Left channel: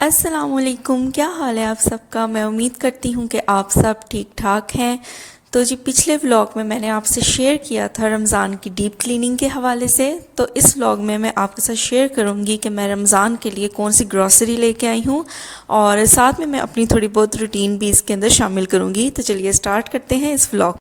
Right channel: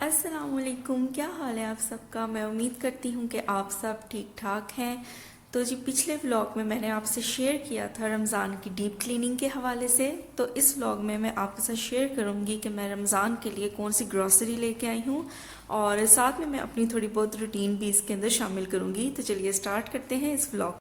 अस्सलामुअलैकुम, क्या हाल है आप सबका। मैं उम्मीद करती हूँ कि आप सब ठीक ठाक हैं। तो जी पिछले व्लॉग में मैंने आपसे शेयर किया था रमज़ान की डीप क्लीनिंग के हवाले से। तो इस व्लॉग में मैं आपके साथ शेयर करूँगी कि मैं रमज़ान के लिए कौन सी ग्रॉसरी लेके आई हूँ और साथ में मैं अपनी थोड़ी बहुत रूटीन भी इसके अंदर शामिल करूँगी। तो चलिए स्टार्ट करते हैं इस व्लॉग।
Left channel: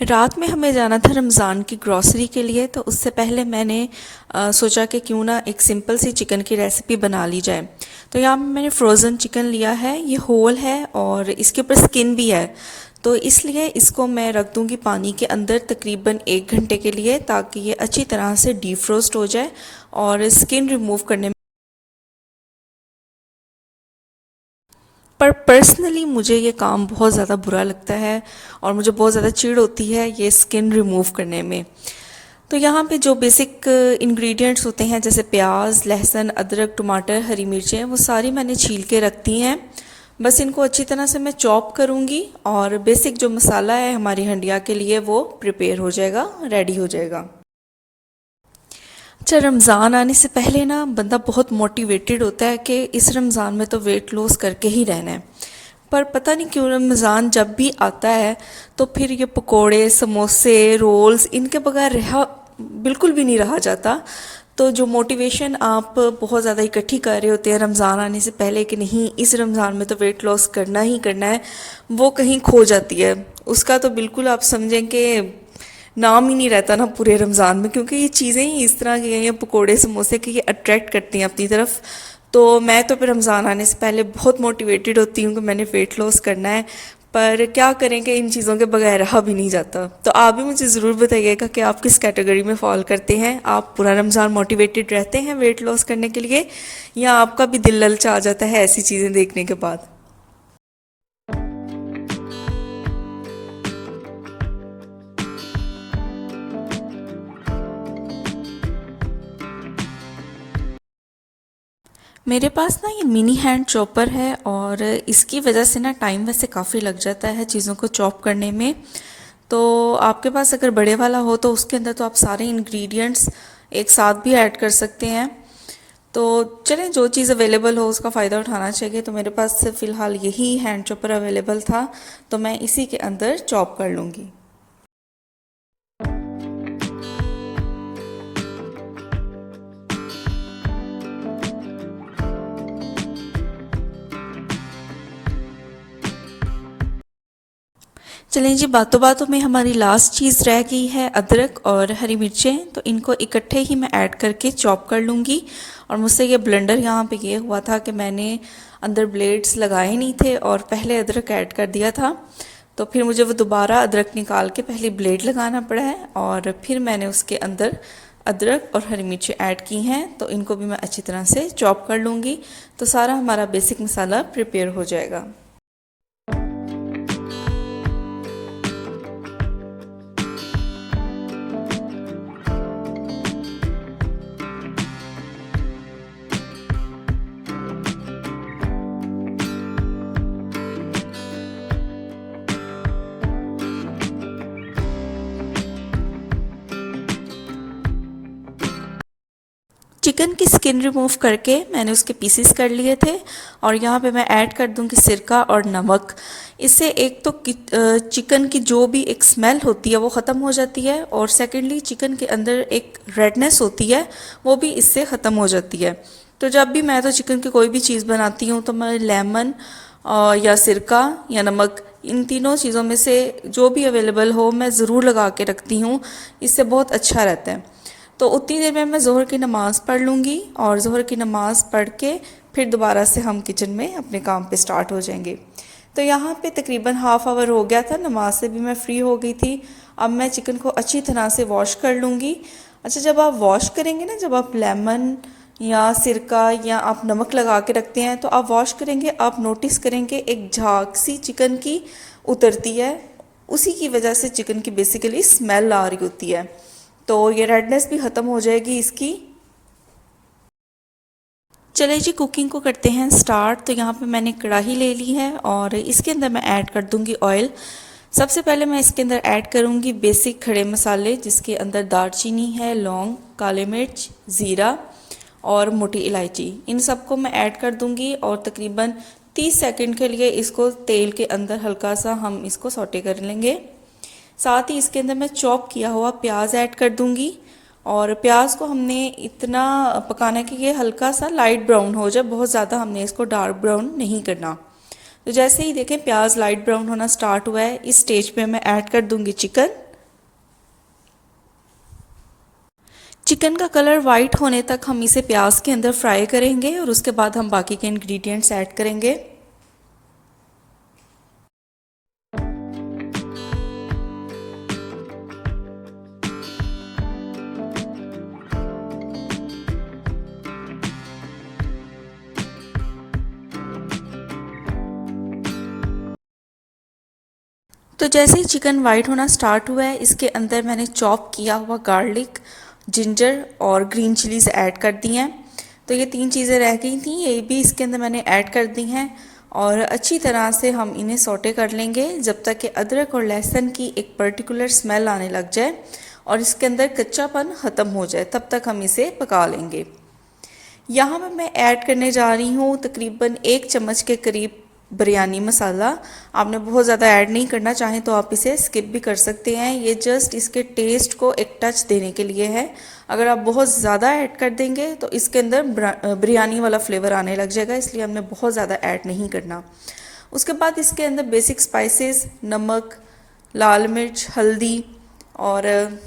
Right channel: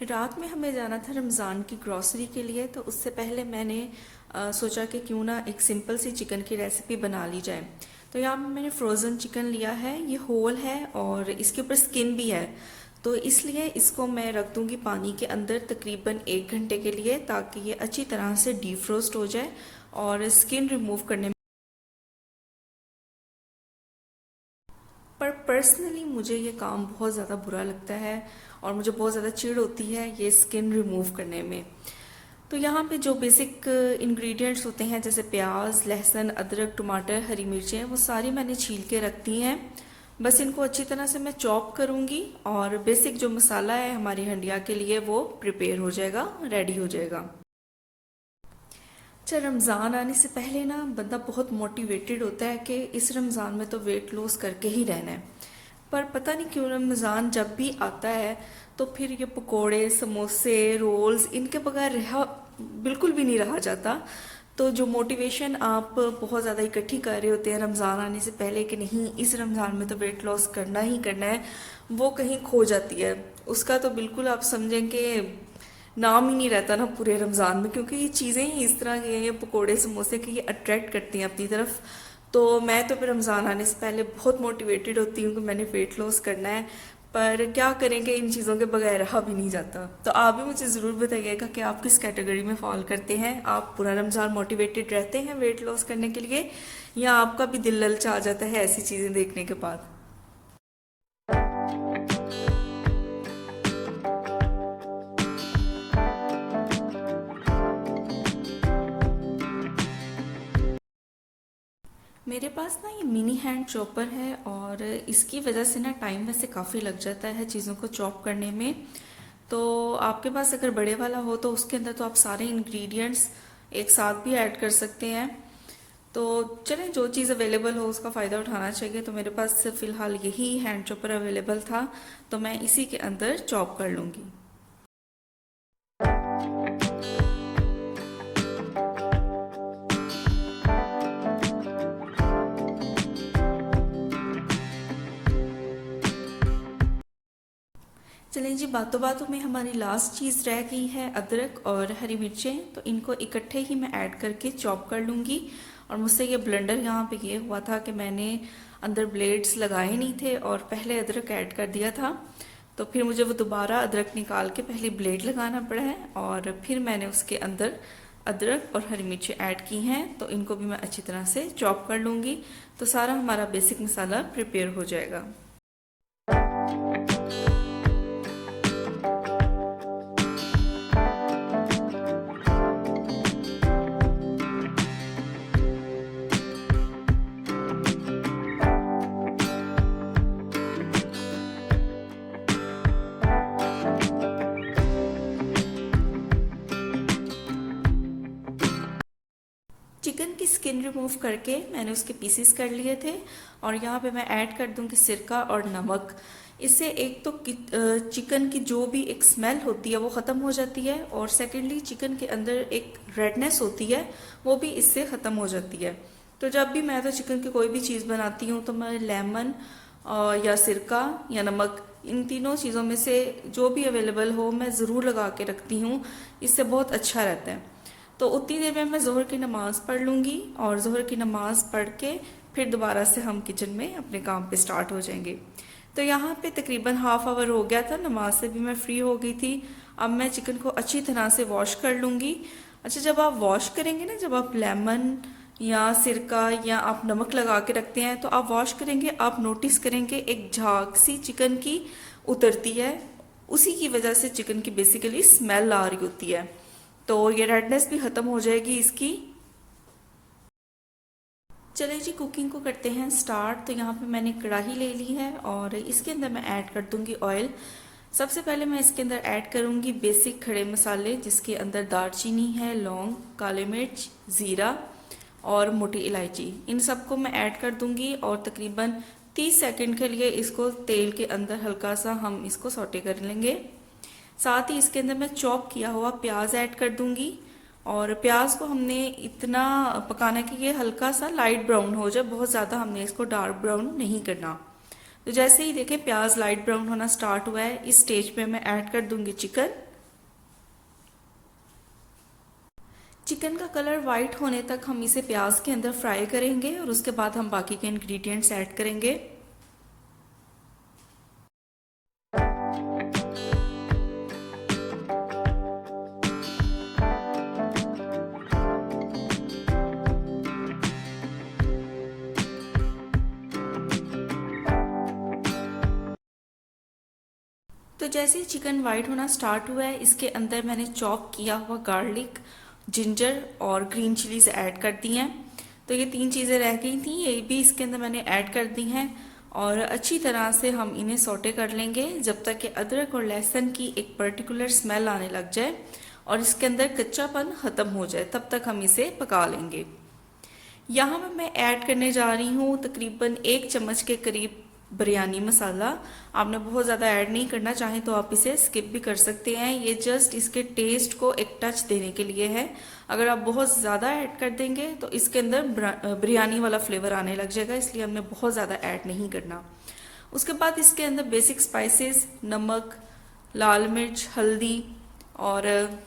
रात में हमें जाना था रमज़ान की ग्रॉसरी के लिए, तो उससे पहले मैंने सोचा कि क्यों ना एक सिंपल सी चिकन की रेसिपी बना ली जाए। तो यहाँ पे मैंने फ्रोज़न चिकन लिया है, ये होल है और इसके ऊपर स्किन भी है। तो इसलिए इसको मैं रख दूँगी पानी के अंदर तकरीबन 1 घंटे के लिए, ताकि ये अच्छी तरह से डीफ्रोस्ट हो जाए और स्किन रिमूव करने पर पर्सनली मुझे ये काम बहुत ज़्यादा बुरा लगता है और मुझे बहुत ज़्यादा चिढ़ होती है ये स्किन रिमूव करने में। तो यहाँ पे जो बेसिक इंग्रेडिएंट्स होते हैं जैसे प्याज, लहसुन, अदरक, टमाटर, हरी मिर्चें, वो सारी मैंने छील के रखती हैं। बस इनको अच्छी तरह से मैं चॉप करूँगी और बेसिक जो मसाला है हमारी हंडिया के लिए वो प्रिपेयर हो जाएगा, रेडी हो जाएगा। अच्छा, रमज़ान आने से पहले ना बंदा बहुत मोटिवेटेड होता है कि इस रमज़ान में तो वेट लॉस करके ही रहना है। पर पता नहीं क्यों रमज़ान जब भी आता है तो फिर ये पकोड़े, समोसे, रोल्स, इनके बगैर रहा बिल्कुल भी नहीं रहा जाता। तो जो मोटिवेशन आप बहुत ज़्यादा इकट्ठी कर रहे होते हैं रमज़ान आने से पहले कि नहीं इस रमज़ान में तो वेट लॉस करना ही करना है, वो कहीं खो जाती है। उसका तो बिल्कुल आप समझें कि नाम ही नहीं रहता ना पूरे रमज़ान में, क्योंकि ये चीज़ें ही इस तरह की हैं, ये पकोड़े समोसे की, ये अट्रैक्ट करती हैं अपनी तरफ। तो मैं तो फिर रमज़ान आने से पहले बहुत मोटिवेटेड होती हूँ कि मैंने वेट लॉस करना है। पर क्या करें कि इन चीज़ों के बगैर रहा भी नहीं जाता। तो आप भी मुझे ज़रूर बताइएगा कि आप किस कैटेगरी में फॉल करते हैं। आप पूरा रमज़ान मोटिवेटेड रहते हैं वेट लॉस करने के लिए, या आपका भी दिल ललचा जाता है ऐसी चीज़ें देखने के बाद। मेरे पास ना ये मिनी हैंड चॉपर है और इसकी वजह से ना टाइम वैसे काफ़ी लग जाता है चीज़ों को चॉप करने में। तो आपके पास अगर बड़े वाला हो तो उसके अंदर तो आप सारे इंग्रेडिएंट्स एक साथ भी ऐड कर सकते हैं। तो चलें, जो चीज़ अवेलेबल हो उसका फ़ायदा उठाना चाहिए। तो मेरे पास फ़िलहाल यही हैंड चॉपर अवेलेबल था, तो मैं इसी के अंदर चॉप कर लूँगी। चलें जी, बातों बातों में हमारी लास्ट चीज़ रह गई है अदरक और हरी मिर्चें। तो इनको इकट्ठे ही मैं ऐड करके चॉप कर लूँगी। और मुझसे ये ब्लेंडर यहाँ पे ये हुआ था कि मैंने अंदर ब्लेड्स लगाए नहीं थे और पहले अदरक ऐड कर दिया था। तो फिर मुझे वो दोबारा अदरक निकाल के पहले ब्लेड लगाना पड़ा है और फिर मैंने उसके अंदर अदरक और हरी मिर्चें ऐड की हैं। तो इनको भी मैं अच्छी तरह से चॉप कर लूँगी, तो सारा हमारा बेसिक मसाला प्रिपेयर हो जाएगा। चिकन की स्किन रिमूव करके मैंने उसके पीसेस कर लिए थे और यहाँ पे मैं ऐड कर दूँगी सिरका और नमक। इससे एक तो चिकन की जो भी एक स्मेल होती है वो ख़त्म हो जाती है और सेकेंडली चिकन के अंदर एक रेडनेस होती है वो भी इससे ख़त्म हो जाती है। तो जब भी मैं तो चिकन की कोई भी चीज़ बनाती हूँ तो मैं लेमन या सिरका या नमक, इन तीनों चीज़ों में से जो भी अवेलेबल हो मैं ज़रूर लगा के रखती हूँ। इससे बहुत अच्छा रहता है। तो उतनी देर में मैं ज़ोहर की नमाज़ पढ़ लूँगी और ज़ोहर की नमाज़ पढ़ के फिर दोबारा से हम किचन में अपने काम पे स्टार्ट हो जाएंगे। तो यहाँ पे तकरीबन हाफ़ आवर हो गया था, नमाज से भी मैं फ्री हो गई थी। अब मैं चिकन को अच्छी तरह से वॉश कर लूँगी। अच्छा, जब आप वॉश करेंगे ना, जब आप लेमन या सिरका या आप नमक लगा के रखते हैं तो आप वॉश करेंगे, आप नोटिस करेंगे एक झाग सी चिकन की उतरती है। उसी की वजह से चिकन की बेसिकली स्मेल आ रही होती है। तो ये रेडनेस भी ख़त्म हो जाएगी इसकी। चले जी, कुकिंग को करते हैं स्टार्ट। तो यहाँ पे मैंने कढ़ाई ले ली है और इसके अंदर मैं ऐड कर दूँगी ऑयल। सबसे पहले मैं इसके अंदर ऐड करूँगी बेसिक खड़े मसाले, जिसके अंदर दालचीनी है, लौंग, काले मिर्च, ज़ीरा और मोटी इलायची, इन सबको मैं ऐड कर दूंगी और तकरीबन 30 सेकंड के लिए इसको तेल के अंदर हल्का सा हम इसको सौटे कर लेंगे। साथ ही इसके अंदर मैं चॉप किया हुआ प्याज ऐड कर दूंगी और प्याज को हमने इतना पकाना है कि ये हल्का सा लाइट ब्राउन हो जाए, बहुत ज़्यादा हमने इसको डार्क ब्राउन नहीं करना। तो जैसे ही देखें प्याज लाइट ब्राउन होना स्टार्ट हुआ है, इस स्टेज पे मैं ऐड कर दूंगी चिकन। चिकन का कलर वाइट होने तक हम इसे प्याज के अंदर फ्राई करेंगे और उसके बाद हम बाकी के इंग्रेडिएंट्स ऐड करेंगे। तो जैसे ही चिकन वाइट होना स्टार्ट हुआ है, इसके अंदर मैंने चॉप किया हुआ गार्लिक, जिंजर और ग्रीन चिलीज ऐड कर दी हैं। तो ये 3 चीज़ें रह गई थी, ये भी इसके अंदर मैंने ऐड कर दी हैं और अच्छी तरह से हम इन्हें सौटे कर लेंगे जब तक कि अदरक और लहसुन की एक पर्टिकुलर स्मेल आने लग जाए और इसके अंदर कच्चापन ख़त्म हो जाए, तब तक हम इसे पका लेंगे। यहाँ पर मैं ऐड करने जा रही हूँ तकरीबन 1 चम्मच के करीब बिरयानी मसाला। आपने बहुत ज़्यादा ऐड नहीं करना, चाहें तो आप इसे स्किप भी कर सकते हैं, ये जस्ट इसके टेस्ट को एक टच देने के लिए है। अगर आप बहुत ज़्यादा ऐड कर देंगे तो इसके अंदर बिरयानी वाला फ्लेवर आने लग जाएगा, इसलिए हमने बहुत ज़्यादा ऐड नहीं करना। उसके बाद इसके अंदर बेसिक स्पाइसेस, नमक, लाल मिर्च, हल्दी और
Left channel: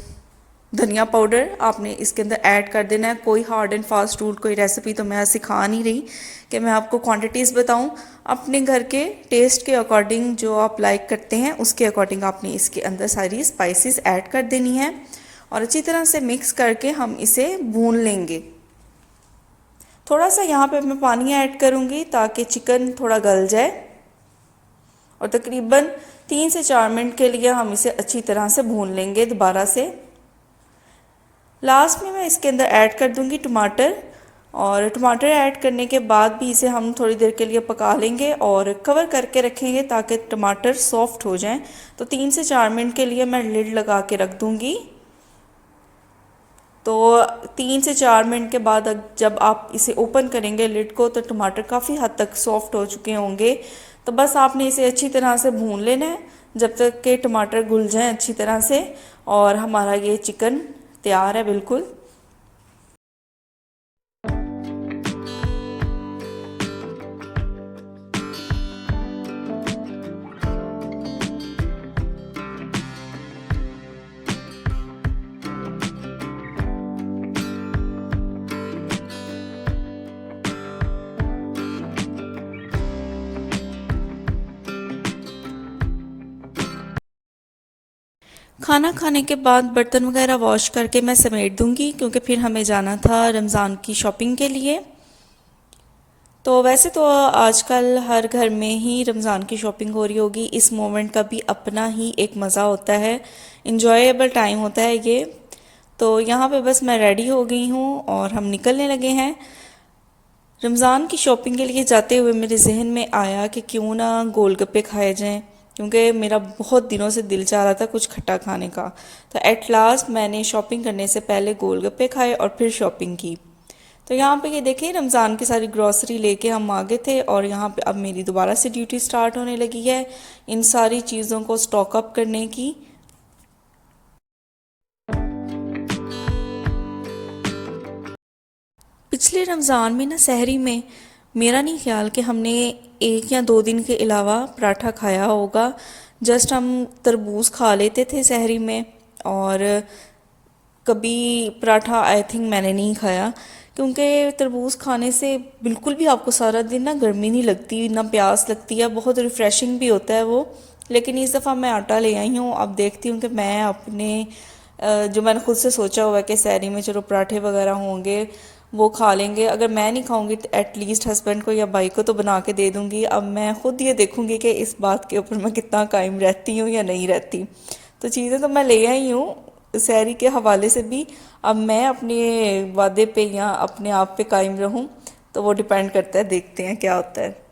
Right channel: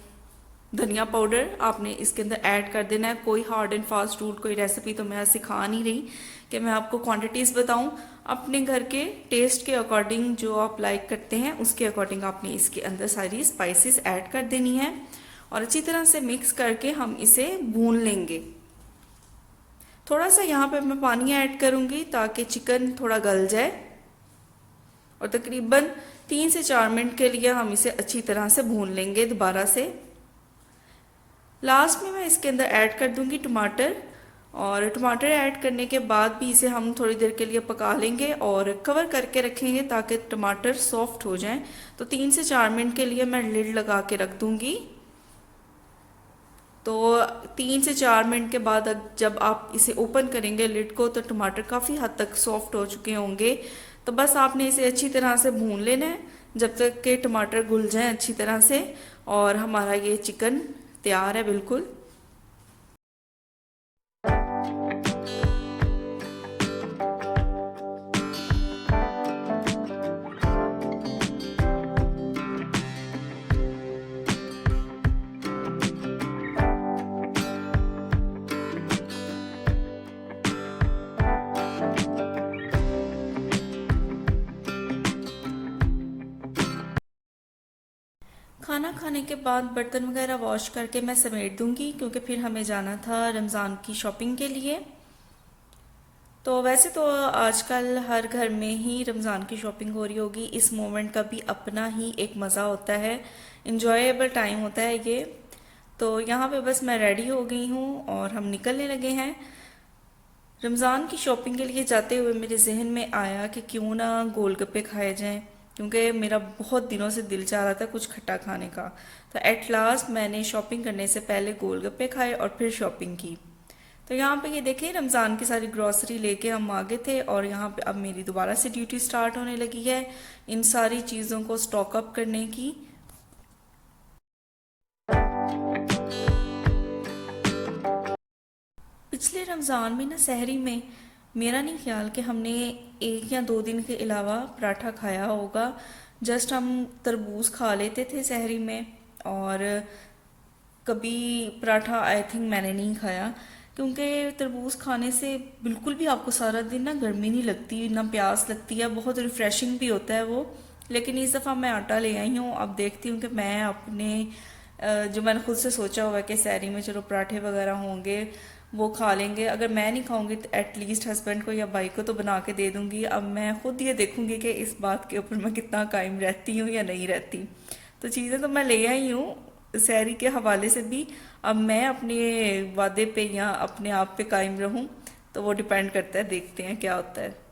धनिया पाउडर आपने इसके अंदर ऐड कर देना है। कोई हार्ड एंड फास्ट रूल, कोई रेसिपी तो मैं सिखा नहीं रही कि मैं आपको क्वांटिटीज़ बताऊं। अपने घर के टेस्ट के अकॉर्डिंग जो आप लाइक करते हैं उसके अकॉर्डिंग आपने इसके अंदर सारी स्पाइसेस ऐड कर देनी है और अच्छी तरह से मिक्स करके हम इसे भून लेंगे। थोड़ा सा यहाँ पे मैं पानी ऐड करूँगी ताकि चिकन थोड़ा गल जाए और तकरीबन 3 से 4 मिनट के लिए हम इसे अच्छी तरह से भून लेंगे दोबारा से। लास्ट में मैं इसके अंदर ऐड कर दूंगी टमाटर और टमाटर ऐड करने के बाद भी इसे हम थोड़ी देर के लिए पका लेंगे और कवर करके रखेंगे ताकि टमाटर सॉफ्ट हो जाएं। तो 3 से 4 मिनट के लिए मैं लिड लगा के रख दूंगी। तो 3 से 4 मिनट के बाद जब आप इसे ओपन करेंगे लिड को तो टमाटर काफ़ी हद तक सॉफ्ट हो चुके होंगे। तो बस आपने इसे अच्छी तरह से भून लेना है जब तक के टमाटर घुल जाएं अच्छी तरह से और हमारा ये चिकन तैयार है बिल्कुल। खाना खाने के बाद बर्तन वगैरह वॉश करके मैं समेट दूंगी क्योंकि फिर हमें जाना था रमज़ान की शॉपिंग के लिए। तो वैसे तो आजकल हर घर में ही रमज़ान की शॉपिंग हो रही होगी, इस मोमेंट का भी अपना ही एक मज़ा होता है, इंजॉयबल टाइम होता है ये। तो यहाँ पे बस मैं रेडी हो गई हूँ और हम निकलने लगे हैं। रमज़ान की शॉपिंग के लिए जाते हुए मेरे जहन में आया कि क्यों ना गोलगप्पे खाए जाएं, क्योंकि मेरा बहुत दिनों से दिल चाह रहा था कुछ खट्टा खाने का। तो एट लास्ट मैंने शॉपिंग करने से पहले गोलगप्पे खाए और फिर शॉपिंग की। तो यहाँ पे ये देखें रमज़ान की सारी ग्रॉसरी लेके हम आ गए थे और यहाँ पे अब मेरी दोबारा से ड्यूटी स्टार्ट होने लगी है इन सारी चीज़ों को स्टॉक अप करने की। पिछले रमज़ान में ना सहरी में मेरा नहीं ख्याल कि हमने 1 या 2 दिन के अलावा पराठा खाया होगा। जस्ट हम तरबूज खा लेते थे सहरी में और कभी पराठा आई थिंक मैंने नहीं खाया, क्योंकि तरबूज खाने से बिल्कुल भी आपको सारा दिन ना गर्मी नहीं लगती ना प्यास लगती है, बहुत रिफ़्रेशिंग भी होता है वो। लेकिन इस दफ़ा मैं आटा ले आई हूँ, अब देखती हूँ कि मैं अपने जो मैंने खुद से सोचा हुआ है कि सहरी में चलो पराठे वगैरह होंगे वो खा लेंगे। अगर मैं नहीं खाऊंगी तो एटलीस्ट हस्बैंड को या भाई को तो बना के दे दूंगी। अब मैं खुद ये देखूंगी कि इस बात के ऊपर मैं कितना कायम रहती हूँ या नहीं रहती। तो चीज़ें तो मैं ले आई हूँ सहरी के हवाले से भी, अब मैं अपने वादे पे या अपने आप पे कायम रहूँ तो वो डिपेंड करता है, देखते हैं क्या होता है।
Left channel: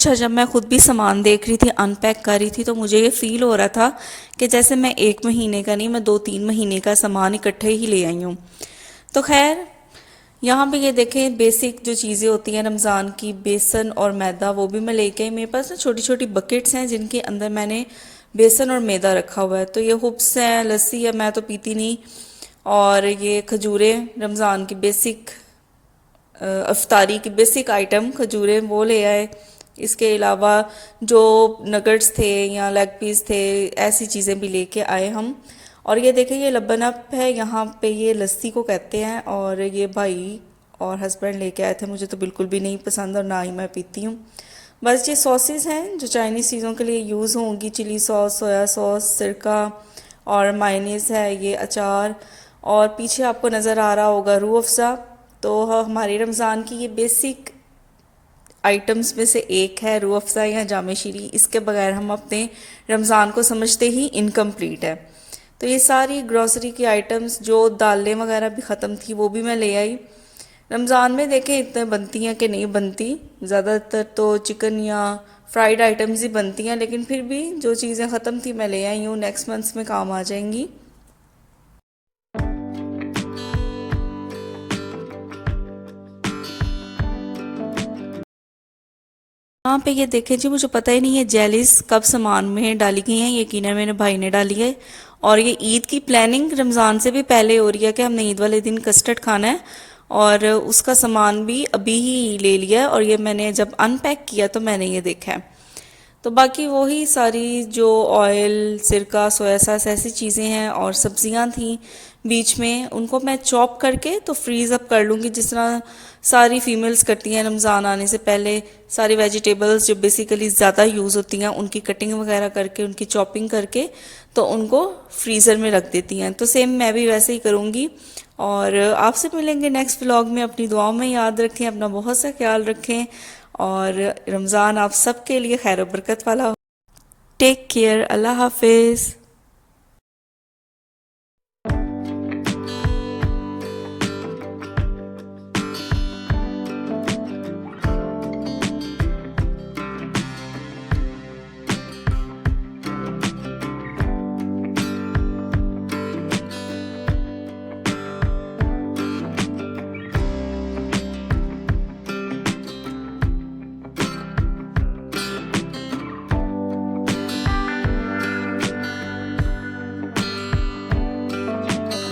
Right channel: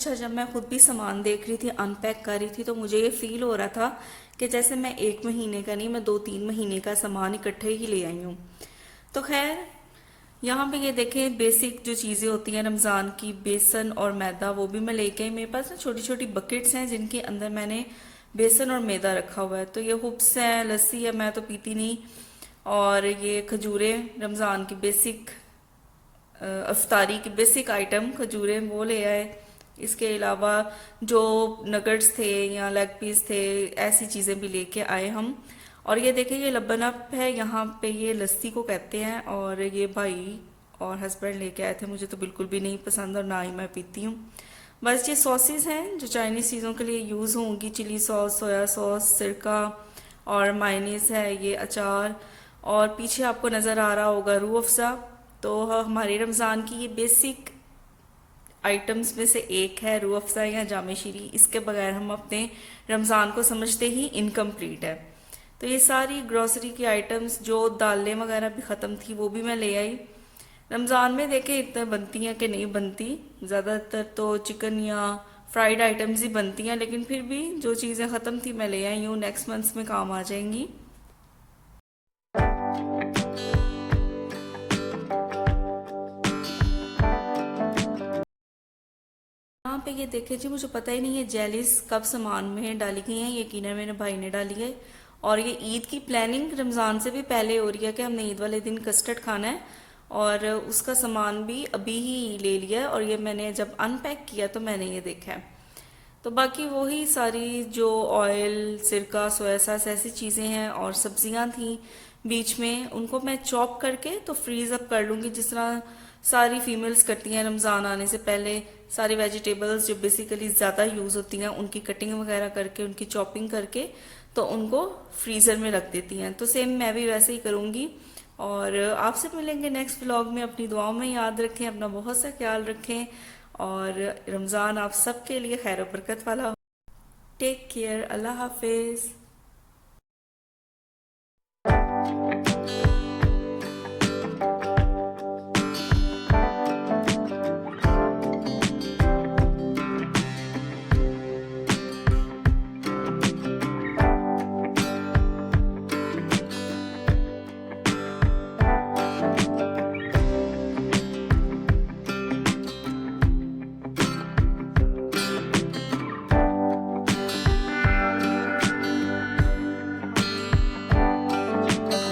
अच्छा, जब मैं खुद भी सामान देख रही थी, अनपैक कर रही थी, तो मुझे ये फील हो रहा था कि जैसे मैं 1 महीने का नहीं, मैं 2-3 महीने का सामान इकट्ठे ही ले आई हूँ। तो खैर, यहाँ पे ये देखें, बेसिक जो चीज़ें होती हैं रमज़ान की, बेसन और मैदा, वो भी मैं लेके आई। मेरे पास ना छोटी छोटी बकेट्स हैं जिनके अंदर मैंने बेसन और मैदा रखा हुआ है। तो ये हुब्स हैं, लस्सी है, मैं तो पीती नहीं। और ये खजूरें, रमज़ान की बेसिक अफ्तारी की बेसिक आइटम खजूरें, वो ले आए। इसके अलावा जो नगट्स थे या लेग पीस थे, ऐसी चीज़ें भी लेके आए हम। और ये देखिए, ये लबन अप है, यहाँ पे ये लस्सी को कहते हैं, और ये भाई और हस्बैंड लेके आए थे। मुझे तो बिल्कुल भी नहीं पसंद और ना ही मैं पीती हूँ। बस ये सॉसेस हैं जो चाइनीज़ चीज़ों के लिए यूज़ होंगी, चिली सॉस, सोया सॉस, सिरका और मायनीस है, ये अचार। और पीछे आपको नज़र आ रहा होगा रूह अफ़ज़ा। तो हमारे रमज़ान की ये बेसिक आइटम्स में से एक है रूह अफ़ज़ा या जामे शीरी। इसके बगैर हम अपने रमज़ान को समझते ही इनकम्प्लीट है। तो ये सारी ग्रॉसरी की आइटम्स, जो दालें वगैरह भी ख़त्म थी, वो भी मैं ले आई। रमज़ान में देखें इतने बनती हैं कि नहीं बनती, ज़्यादातर तो चिकन या फ्राइड आइटम्स ही बनती हैं, लेकिन फिर भी जो चीज़ें ख़त्म थी मैं ले आई हूँ, नेक्स्ट मंथ्स में काम आ जाएंगी। यहाँ पे ये देखें जी, मुझे पता ही नहीं है जेलीज कब सामान में डाली गई हैं, यकीनन मेरे भाई ने डाली है। और ये ईद की प्लानिंग रमज़ान से भी पहले हो रही है कि हमने ईद वाले दिन कस्टर्ड खाना है, और उसका सामान भी अभी ही ले लिया है। और ये मैंने जब अनपैक किया तो मैंने ये देखा है। तो बाकी वही सारी जो ऑयल, सिरका, सोया सॉस, ऐसी चीज़ें हैं, और सब्जियां थी बीच में, उनको मैं चॉप करके तो फ्रीज़ अप कर लूँगी, जिस तरह सारी फीमेल्स करती हैं रमज़ान आने से पहले। सारी वेजिटेबल्स जो बेसिकली ज़्यादा यूज़ होती हैं, उनकी कटिंग वगैरह करके, उनकी चॉपिंग करके, तो उनको फ्रीज़र में रख देती हैं। तो सेम मैं भी वैसे ही करूँगी। और आपसे मिलेंगे नेक्स्ट व्लॉग में। अपनी दुआओं में याद रखें, अपना बहुत सा ख्याल रखें, और रमज़ान आप सबके लिए खैर बरकत वाला हो। टेक केयर, अल्लाह हाफिज़।